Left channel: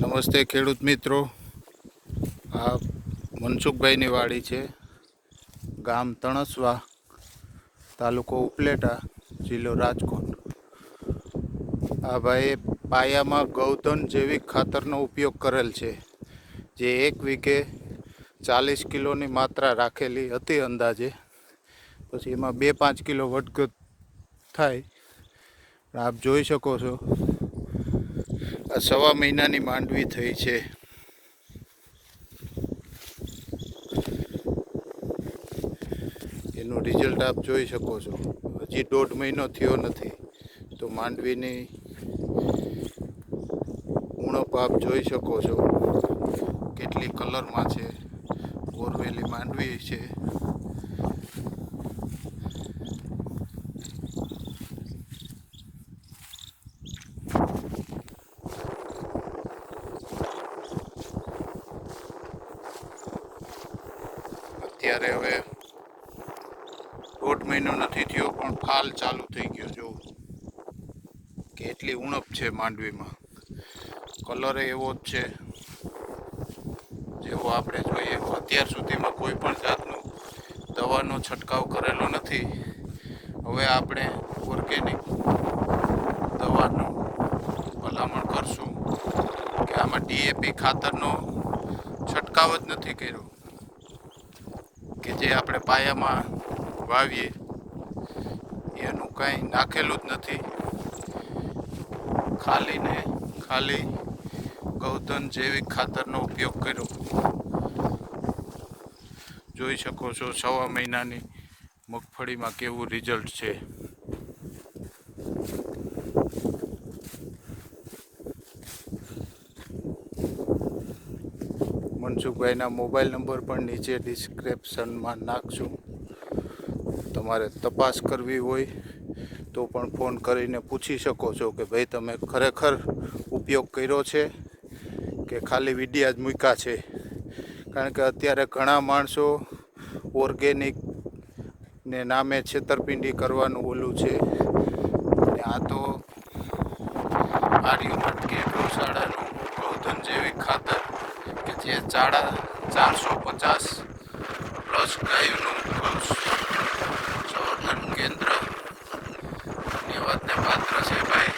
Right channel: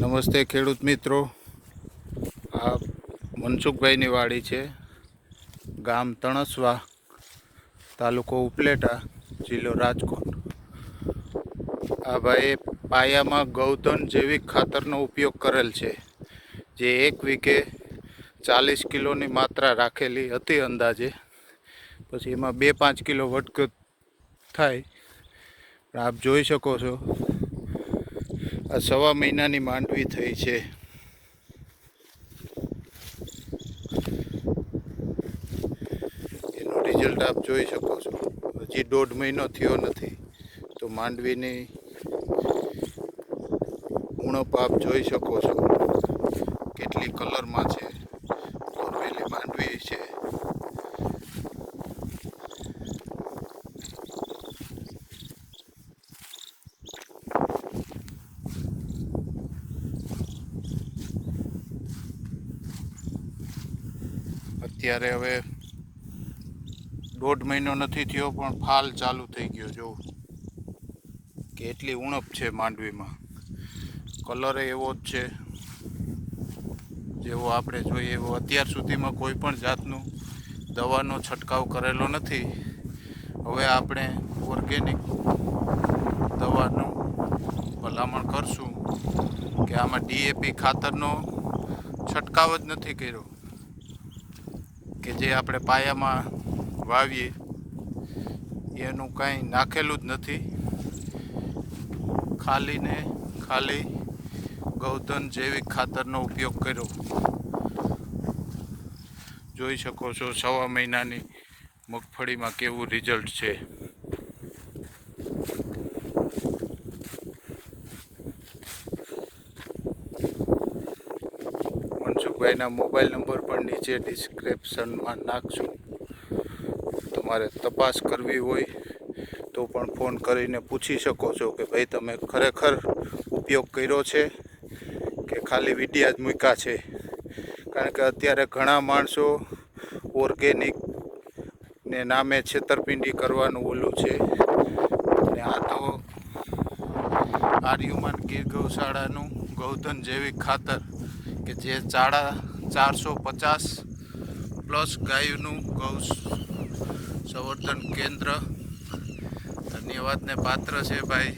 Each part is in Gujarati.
નમસ્તે ખેડૂત મિત્રો. આ મનસુખભાઈની વાડી છે. ગામ તણસવા તાલુકો ઉપલેટા જિલ્લો રાજકોટ. આ ભાઈએ પાયામાં ગૌધન જૈવિક ખાતરનો ઉપયોગ કરેલ છે, જે એક વીઘે ચાલીસ કિલોની માત્રા રાખેલી હતી અંદાજે. પછી એમાં બે પાંચ કિલો વધઘટ થાય. આપ જોઈ શકો છો આ સવા મહિનાની માંડવી થઈ છે. એનું રિઝલ્ટ આપ જોઈ શકો છો. હજી દોઢ મહિનો થયો નથી. તો માંડવીની ઉણપ આપ જોઈ શકો છો. કેટલી કલરમાં છે. કોરવેલી માંડવી છે. અત્યારે હવે દોઢ મહિનો નથી થયો, પણ ફાલ ચાલુ થઈ ગયો, જો. કે એટલી ઉણપ છે માંડવીમાં. કલર એવો જ છે જેવો આપણે જોઈએ. એવો અત્યાર સુધીમાં કોઈ પણ જાતનું દવાનો છંટકાવ કરેલો નથી. હવે આપણે ઓર્ગેનિક દવાનું ભલામણ કરશું કે આમાં ડીએપી ખાતરનો છંટકાવ જ નથી કર્યો. કે જે આપણે પાયામાં વાવીએ, એનું કાંઈ નાખેલું જ નથી. ખાલી ને ખાલી ગૌધન જૈવિક ખાતરનો ઉપયોગ કર્યો. જોઈ શકો છો સવા મહિનાની મગફળીમાં કેવું રિઝલ્ટ છે. મનસુખભાઈના મોબાઈલ નંબર પણ નીચે ડિસ્ક્રિપ્શનમાં નાખશું તમારે તપાસ કરવી હોય તો પણ ફોન કરીને પૂછી શકો છો કે ભાઈ તમે ખરેખર ઉપયોગ કર્યો છે કે ખાલી વિડિયા જ મૂક્યા છે? કારણ કે અત્યારે ઘણા માણસો ઓર્ગેનિક ને નામે છેતરપિંડી કરવાનું ઓલું છે. અને આ તો આર્યુમટ કે ગૌશાળાનું ગૌધન જૈવિક ખાતર કે જે ચાડા ચારસો પચાસ પ્લસ ગાયોનું વંશ. સંવર્ધન કેન્દ્ર. ધન્યવાદને પાત્ર છે ભાઈ.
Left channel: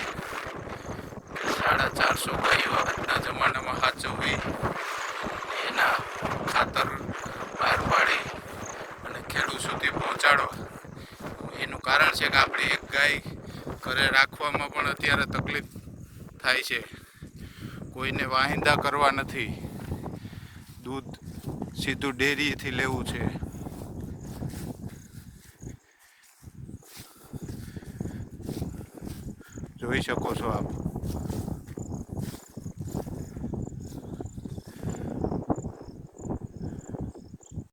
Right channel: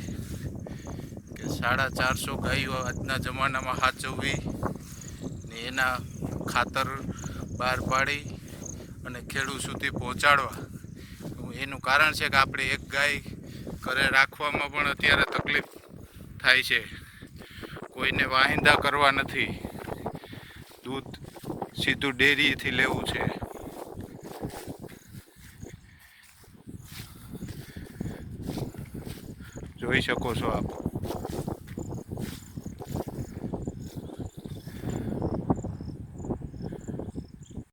સાડા ચારસો ગાયો આજના જમાનામાં સાચવવી એના ખાતર બહાર પાડી અને ખેડૂત સુધી પહોંચાડવા. એનું કારણ છે કે આપણે એક ગાય ઘરે રાખવામાં પણ અત્યારે તકલીફ થાય છે. કોઈને વાહિંદા કરવા નથી. દૂધ સીધું ડેરીથી લેવું છે. જોઈ શકો છો આપ.